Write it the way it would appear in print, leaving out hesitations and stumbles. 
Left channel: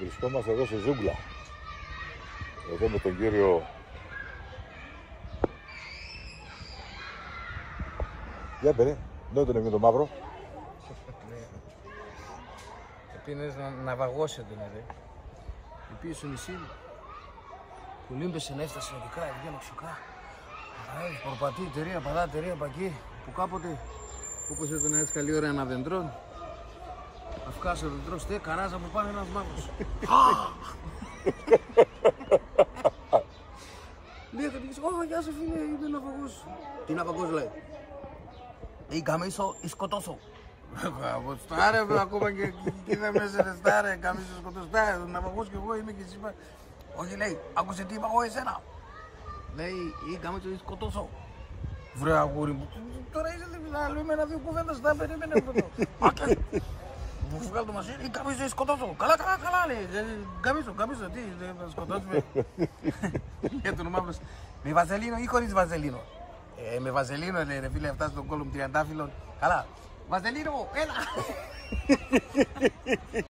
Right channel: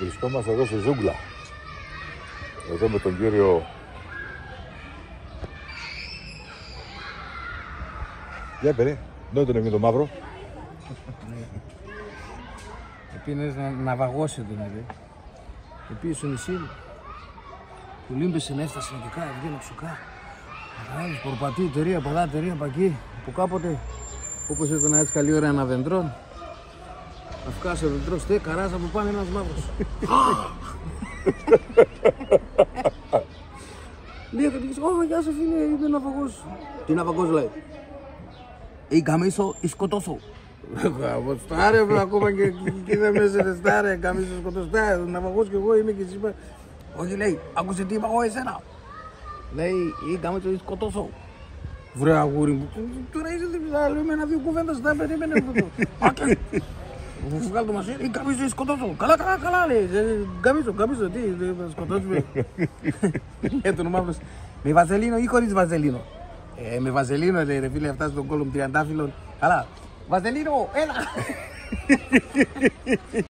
Βρισκόμαστε εδώ στη ζούγκλα. Εδώ με τον κύριο... Για περί, δεν τον έμεινε το μαύρο. Επίνες να βαγώσει τον εδώ. Επίσης στο νησί που λίμπεσαι να έφτασε να δικά, βγαίνει ξουκά. Αγάπης, πορπατή, εταιρεία, παδά, εταιρεία από εκεί που κάποτε όπως ήταν έτσι καλή ώρα ένα δεντρό. Να βγάζει ο δεντρός, τε καράζα από πάνω ένας μαύρος. Λέει ο κατοικητής, ω γεια σου φίλε, είμαι ναυαγός. Τι ναυαγός λέει? Ή καμίσω ή σκοτώσω. Στάρε, ακόμα και δεν μέσα στάρε, καμίσω σκοτωστά, ναυαγός κι εγώ είμαι και εσύ είπα. Όχι λέει, άκουσε τι είπα εγώ εσένα. Λέει, ή καμίσω ή σκοτώσω. Βρε αγούρι μου, τώρα είσαι άλλο, είμαι ένα-δύο κουβέντας, θα περίμενε αυτό. Άκε, μου βγάλω το μασέρι, ή καμίσω ή σκοτώσω. Καλά λέει, καμίσω, τι, θα σκοτώσουμε. Τον μαύρος, με βαζελίνο ή χωρίς βαζελίνο? Με βαζελίνο λέει ρε φίλε, φτάσει στον κόλλο μου τριαντάφυλλον. Καλά, βαζελίνο, έλα!